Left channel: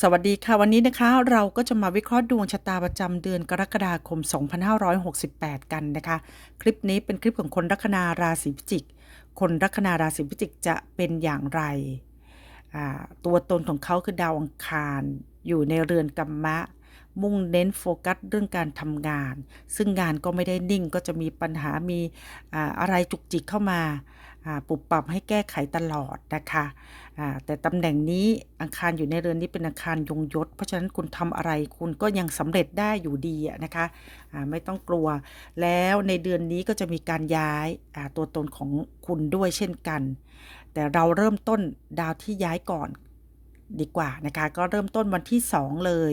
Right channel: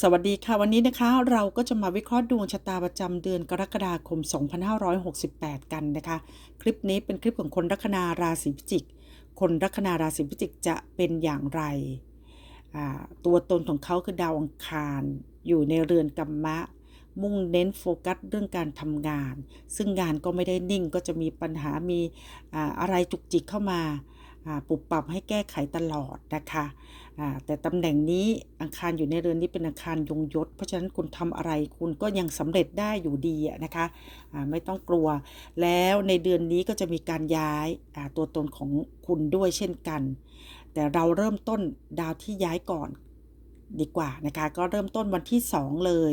สวัสดีค่ะ วันนี้นะคะเราก็จะมาวิเคราะห์ดวงชะตาประจำเดือนกรกฎาคม 2568 กันนะคะ คลิปนี้เป็นคลิปของคนลัคนาราศีพิจิก คนลัคนาราศีพิจิกจะเป็นอย่างไร ตัวตนของเขาคือดาวอังคาร อยู่ในเรือนกัมมะ มุ่งเน้นโฟกัสเรื่องการทำงาน ซึ่งงานก็ไม่ได้นิ่งก็จะมีปัญหามีอ่าอะไรจุกจิกเข้ามา ปรับปรับให้แก้ไขตลอดนะคะแต่ตำแหน่งนี้อังคารอยู่ในเรือนนี้เป็นอังคารยงยศ เพราะฉะนั้นคุณทำอะไรคุณก็ยังสำเร็จได้อยู่ดีนะคะไม่ต้องกลัว แล้วในเดือนนี้ก็จะมีการย้ายตัวตนของคุณด้วยเช่นกัน แต่เราเริ่มต้นดาวที่ย้ายก่อนดีกว่านะคะ ก็เริ่มต้นวันที่ 2 เลย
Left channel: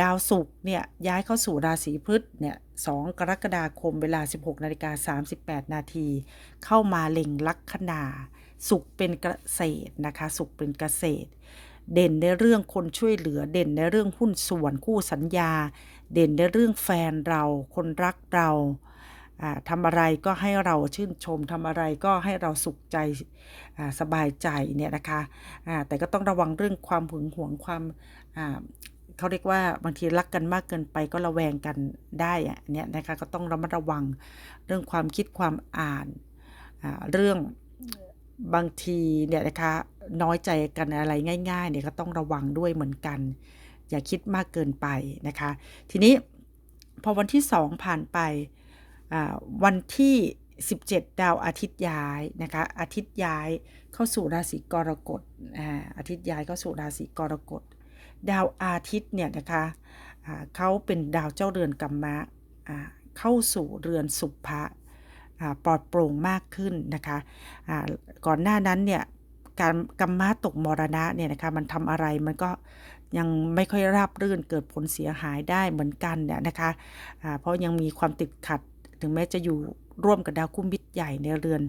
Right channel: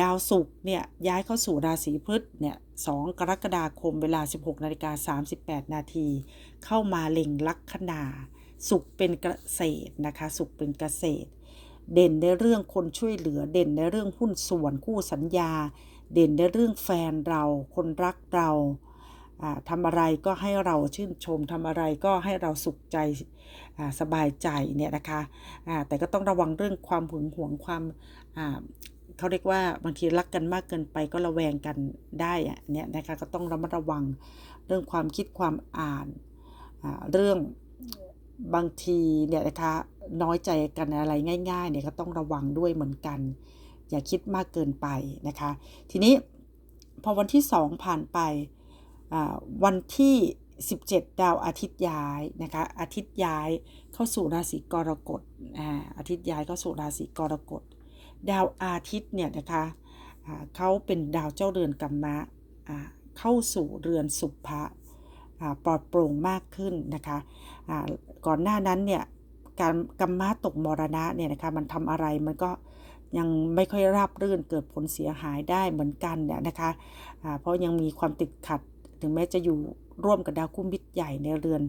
ดาวศุกร์เนี่ยย้ายเข้าสู่ราศีพฤษเนี่ย2กรกฎาคมเวลา 16นาฬิกา38 นาที เข้ามาเล็งลัคนาศุกร์เป็นเกษตรนะคะศุกร์เป็นเกษตร เด่นในเรื่องคนช่วยเหลือ เด่นในเรื่องหุ้นส่วนคู่สัญญา เด่นในเรื่องแฟนเรา คนรักเราทำอะไรก็ให้เราชื่นชมทำอะไรก็ให้เราสุขใจสบายใจเนี่ยนะคะแต่ก็ต้องระวังเรื่องความหึงหวงความ เขาเรียกว่าบางทีรักกันมากเกินไปก็ระแวงกันได้อะเนี่ยนะคะก็ต้องระมัดระวังเรื่องความคิดความอ่านเรื่องบางทีเนี่ยนะคะน้อยใจกันอะไรง่ายๆเนี่ยก็ต้องระวังด้วยเหมือนกัน อย่าคิดมากเกินไปนะคะ ทีนี้พอวันที่ 2 ผ่านไปวันที่ 17 ดาวอาทิตย์ย้ายนะคะอาทิตย์ย้ายเข้าสู่ราศีกรกฎอาทิตย์ย้ายเข้าสู่ราศีกรกฎ ดาวอาทิตย์เนี่ยนะคะเขาเป็นดาวเจ้าเรือนกัมมะเข้าสู่เรือนสุภะปลอดโปร่งมากขึ้นนะคะก่อนหน้านั้นเนี่ยการกัมมะตกมรณะเนี่ยนะคะมันทำอะไรมันก็ยังไม่ค่อยราบรื่นเกิดผลเสียหายได้เหมือนกันเนี่ยนะคะอ่าเพราะยังมีความติดขัดถึงแม้จะอยู่ร่วมกับดาวคุ้มมิตรใหญ่ในเรือน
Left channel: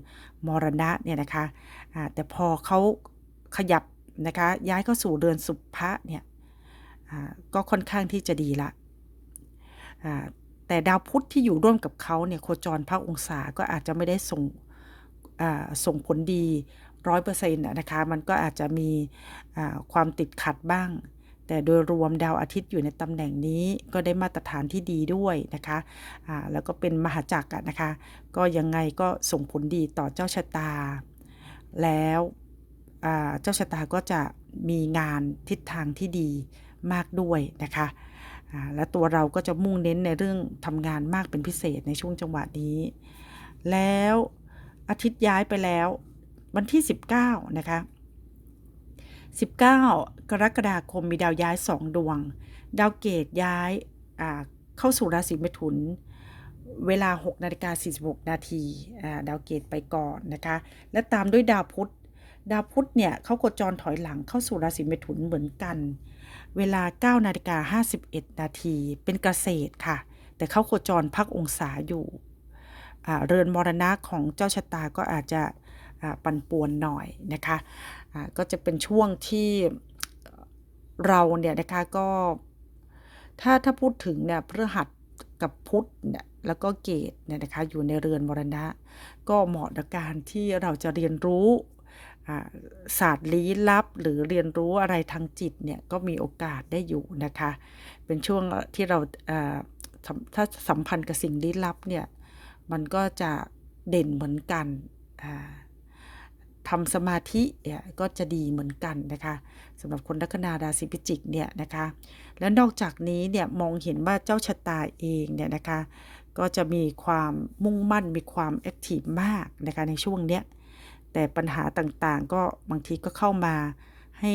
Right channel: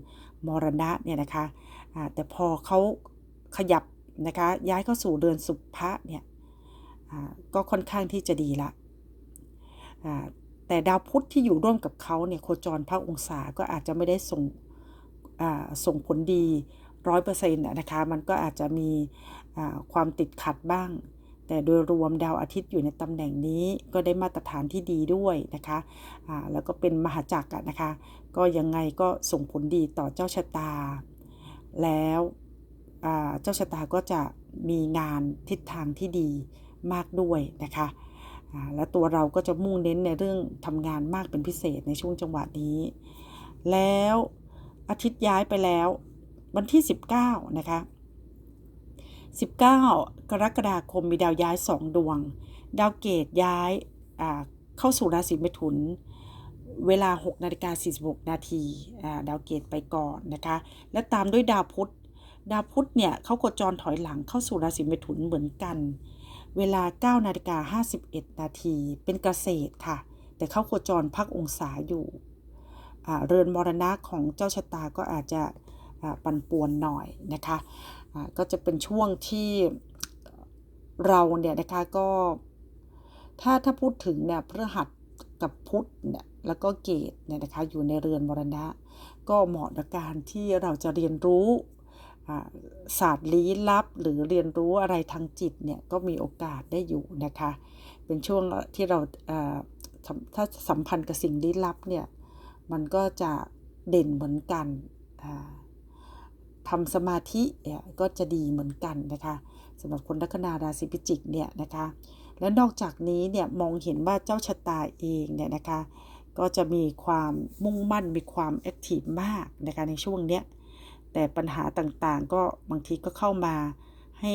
มรณะเนี่ยนะคะอ่าแต่พอเขาขยับนะคะย้ายเข้าสู่เรือนสุภะเนี่ย ก็ค่อนข้างที่จะดีละแต่ดาวพุธที่อยู่ร่วมกับเขาเนี่ยโคจรพักองศาก็อาจจะไม่ได้ส่งส่งผลดีร้อยเปอร์เซ็นต์นะคะมันก็อาจจะมีความติดขัดบ้าง แต่โดยรวมดาวอาทิตย์อยู่ในตำแหน่งนี้ก็ได้มาตรฐานที่ดีด้วยนะคะอ่าแล้วก็เป็นมหาจักรนะคะ ก็ยังไงก็ส่งผลดีต่อเจ้าชะตา แล้วเจ้าชะตาก็จะมีงานทิศทางที่ดี มากด้วยนะคะและตัวเราก็จะมุ่งเน้นในเรื่องทำงานมากเป็นพิเศษในช่วงจังหวะนี้ แล้วอาทิตย์ย้ายไปแล้ว วันที่ 19 นะคะ 19 กรกฎาคมมีดาวย้าย 2 ดวง ดาวเกตย้ายเข้าสู่ราศีเมถุน เวลา 6 นาฬิกา 46 นาทีดาวเกตไปก่อนนะคะ และตามด้วยดาวพุธ ดาวพุธเนี่ยเขาโคจรถอยหลังเข้าสู่ราศีเมถุนเหมือนกัน เวลา9นาฬิกา51 นาทีเป็นเกษตรค่ะ แต่เข้าโคจรพักองศาอยู่ เรือนมรณะของเจ้าชะตาก็อาจจะปั่นป่วนหน่อยนะคะอ่าก็จะเป็นช่วงที่เราเนี่ยนะคะก็ถ้าถ้าพูดถึงเนี่ยพฤหัสกับพุธเนี่ยแล้วก็เกตเนี่ยนะคะอยู่ในเรือนมรณะ ก็เหมาะกับการที่เราจะเรียนรู้ ศาสตร์ลี้ลับหรือเรียนรู้อะไรทางจิตเนี่ยก็มีโอกาสได้อยู่นะคะ เป็นช่วงที่เราถ้าสัมพันธ์กับสิ่งลี้ลับเนี่ยมันก็จะเด่นเหมือนกันทำสมาธิเนี่ยก็จะดีเหมือนกันนะคะสำหรับคนลัคนาราศีพิจิกเนี่ยนะคะและนอกจากนี้เนี่ยมองเห็นว่าเจ้าชะตาเองเนี่ยนะคะก็จะมีความมุ่งมั่นมีความแอคทีฟมากนะคะในช่วงเนี้ย แต่ปัญหาต่างๆ ก็บางทีก็เข้ามาให้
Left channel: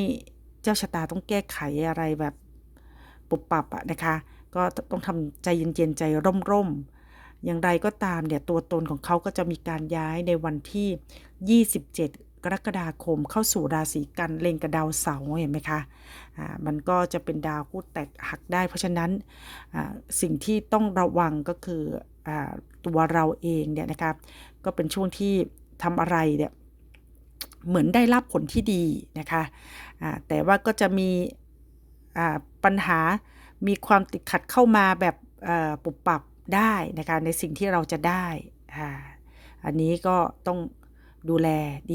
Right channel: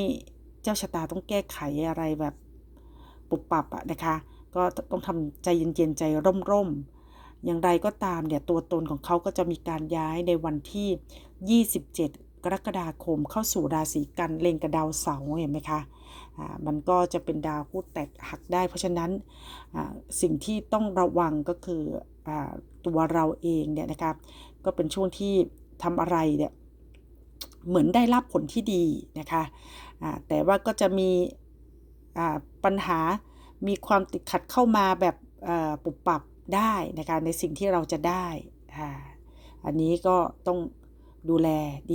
เจ้าชะตาต้องแก้ไขอะไรแบบปุบปับอะนะคะ ก็ต้องทำใจเย็นๆใจร่มๆ อย่างไรก็ตามเนี่ยตัวตนของเขาก็จะมีการย้ายในวันที่ 27 กรกฎาคมเข้าสู่ราศีกันเล็งกับดาวเสาร์เห็นไหมคะอ่ามันก็จะเป็นดาวคู่แตกหักได้ เพราะฉะนั้นอ่าสิ่งที่ต้องระวังก็คืออาตัวเราเองเนี่ยนะครับก็เป็นช่วงที่ทำอะไรเนี่ย เหมือนได้รับผลที่ดีนะคะแต่ว่าก็จะมีปัญหามีความติดขัดเข้ามาแบบเอ่อปุบปับได้นะคะในสิ่งที่เราจะได้อันนี้ก็ต้องดูแล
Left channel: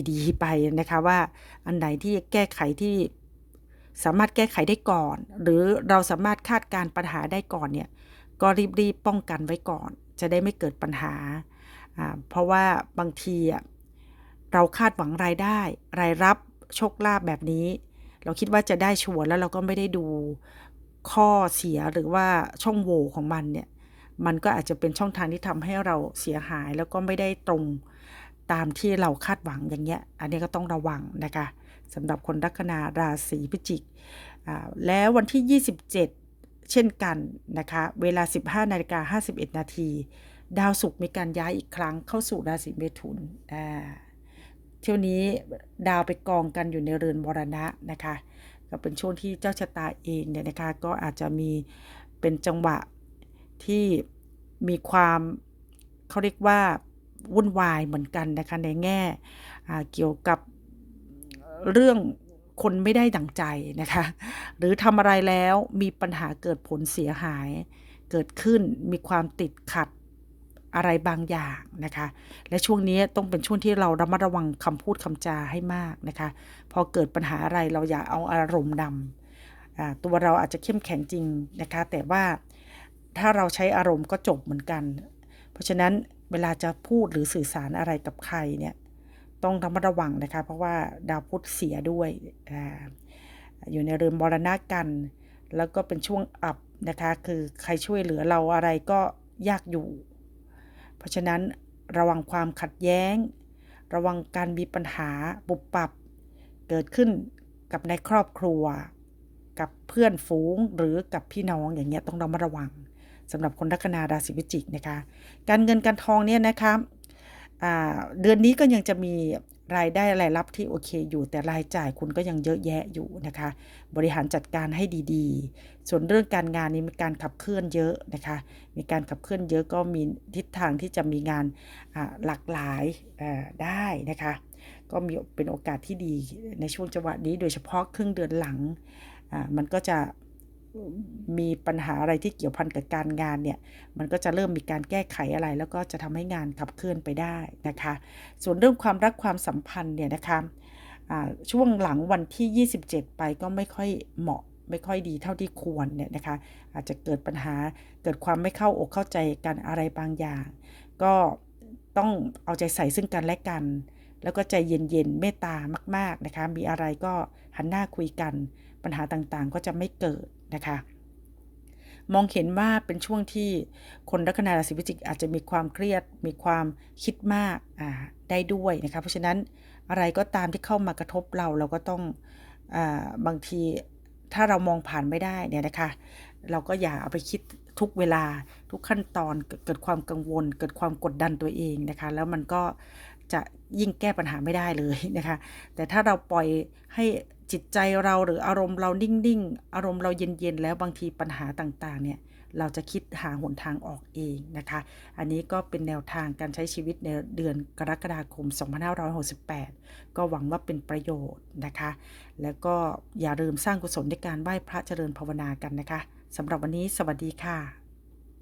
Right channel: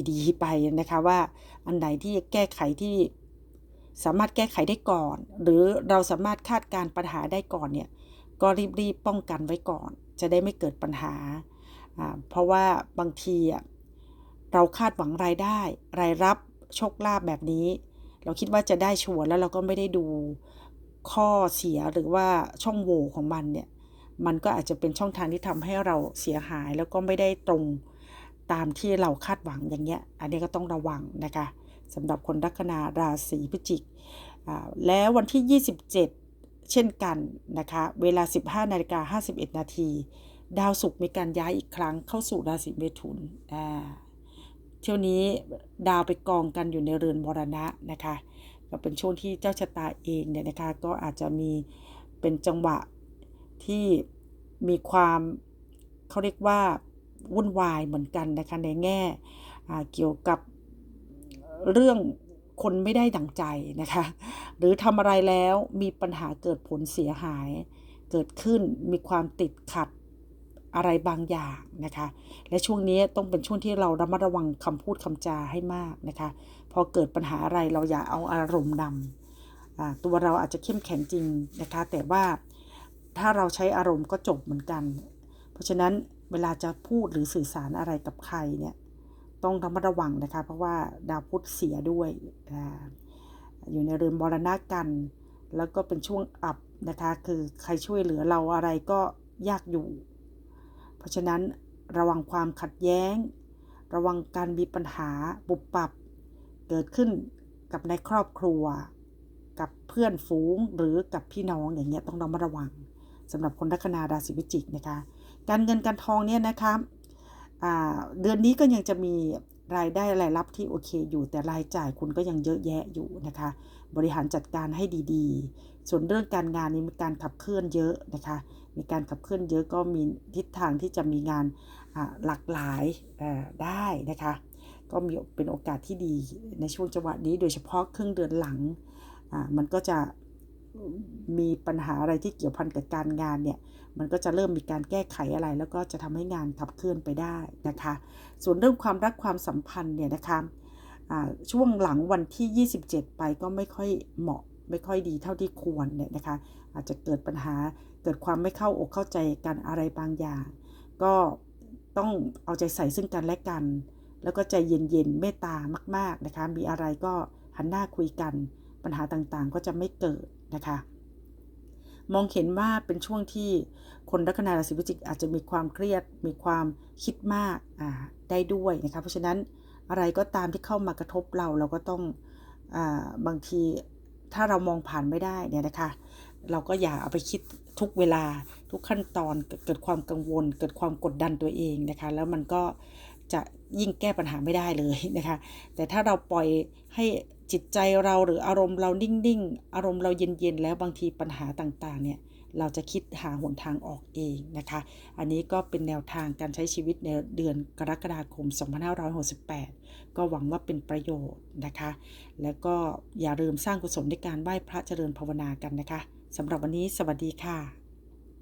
ดีๆ ไปนะคะว่าอันไหนที่แก้ไขที่สามารถแก้ไขได้ก่อน หรือเราสามารถคาดการปัญหาได้ก่อนเนี่ยก็รีบๆป้องกันไว้ก่อน จะได้ไม่เกิดปัญหา เพราะว่าบางทีอะ เราคาดหวังรายได้ รายรับโชคลาภแบบนี้ เราคิดว่าจะได้ชัวร์แล้วเราก็ไม่ได้ดูข้อเสียหรือว่าช่องโหว่ของมันเนี่ย มันก็อาจจะเป็นช่องทางที่ทำให้เราเสียหายแล้วก็ไม่ได้ตรงตามที่เราคาดหวังอย่างเงี้ย อันนี้ก็ต้องระวังนะคะสำหรับคนลัคนาราศีพิจิกแล้ววันที่ 27 เช่นกันนะคะ เวลา 15นาฬิกา51 นาที ดาวศุกร์มีการย้ายอีกครั้งเข้าสู่ราศีเมถุนอ่า เที่ยวนี้ดาวไปกองกันอยู่ในเรือนมรณะนะคะก็เป็นช่วงที่เจ้าชะตาเองเนี่ยนะคะก็อาจจะมีเป็นจังหวะที่มีความเขาเรียกว่าวุ่นวายเหมือนกันนะคะในแง่เกี่ยวกับเรื่องคนไม่ได้ดังใจนะคะ หรือทำอะไรแล้วมีปัญหาเกิดผลเสียหายเกิดขึ้นมีความติดขัด อะไรบางอย่างนะคะ และช่วงนี้ต้องเป็นช่วงที่เราระมัดระวังคำพูดคำจาให้มากนะคะ พอเกิดปัญหาอะไรเราอย่าเอาอารมณ์นำอ่าตัวเราอาจจะเข้มแข็งจริงนะคะ แต่ว่าถ้าเราใช้อารมณ์ก็จบเหมือนกัน เพราะฉะนั้นเวลาจะพูดหรือสื่อสารอะไรกับใครเนี่ยต้องระมัดระวังนะคะ เพราะว่าดาวพุธเสียด้วยออยู่ในเรือนมรณะกัน แล้วก็เป็นช่วงอับนะคะ คือใครช่วยเหลือเราอะไรก็ยากอยู่ ราะฉะนั้นระวังความขัดแย้ง ระวังการมีปัญหาปุบปับ เกิดขึ้นกับในครอบครัว กับเพื่อนฝูงหรือกับพี่น้องอย่างเงี้ยต้องระมัดระวังสำหรับคนลัคนาราศีพิจิกนะคะ การเงินการทองเนี่ยนะคะเดือนนี้ก็ยังจะมี รายได้รายรับที่โอเคอยู่ แต่รายจ่ายคุณก็ยังเยอะแยะอยู่นะคะ บริหารจัดการให้ดีๆ ส่วนเรื่องการงานนี้มีการขับเคลื่อนเยอะนะคะ มีการขับเคลื่อนเยอะก็มีทิศทางที่จะมีงานหลากหลายได้นะคะ ก็มีเป็นโอกาสที่ดีในช่วงจังหวะนี้ โดยเฉพาะครึ่งเดือนหลังมันก็จะ มีปัญหาอะไรที่เกี่ยวพันกับการงานเนี่ย มันก็จะเริ่มมีการแก้ไขอะไร แล้วก็จะทำให้งานขับเคลื่อนไปได้นะคะ ส่วนเรื่องความรักความสัมพันธ์เนี่ยนะคะช่วงหลังวันที่ 27 ไปก็ไม่ค่อยเหมาะไม่ค่อยดีเท่าที่ควรเนี่ยนะคะ อาจจะเกิดปัญหาเกิดความไม่เข้าอกเข้าใจกันอะไรบางอย่าง ก็ต้องเอาใจใส่ซึ่งกันและกัน แล้วก็ใจเย็นๆเมตตามาก ๆนะคะ มีอะไรก็หันหน้าคุยกัน ปัญหาต่างๆก็จะไม่เกิด นะคะ มองเห็นว่าเป็นช่วงที่คนลัคนาราศีพิจิกอาจจะมีความเครียด มีความคิดมากได้ด้วยนะคะ เพราะฉะนั้นอะไรก็ตามที่เข้ามากระทบเราเราก็ต้องอบางทีถ้าเรามองผ่านไม่ได้เนี่ยนะคะ เราก็อย่าเอาไปคิดทุกเวลาทุกขั้นตอนเกิดเกิดความกังวล เกิดความกดดันตัวเองนะคะ แล้วมันก็จะยิ่งแก้ปัญหาไม่ได้เลยนะคะ แต่ถ้าเราปล่อยให้ จิตใจเราหรืออารมณ์เรานิ่งๆ อารมณ์เราเย็นๆ แล้วบางทีปัญหาต่างๆ เนี่ยเราจะคิดหาหนทางออกเองนะคะ อันนี้ก็เป็นแนวทางการใช้ชีวิตในเดือนกรกฎาคม 2568 ก็หวังว่าเป็นประโยชน์นะคะ แล้วก็อย่าลืมสร้างกุศลในการไหว้พระเจริญภาวนากันนะคะสำหรับวันนี้สวัสดีค่ะ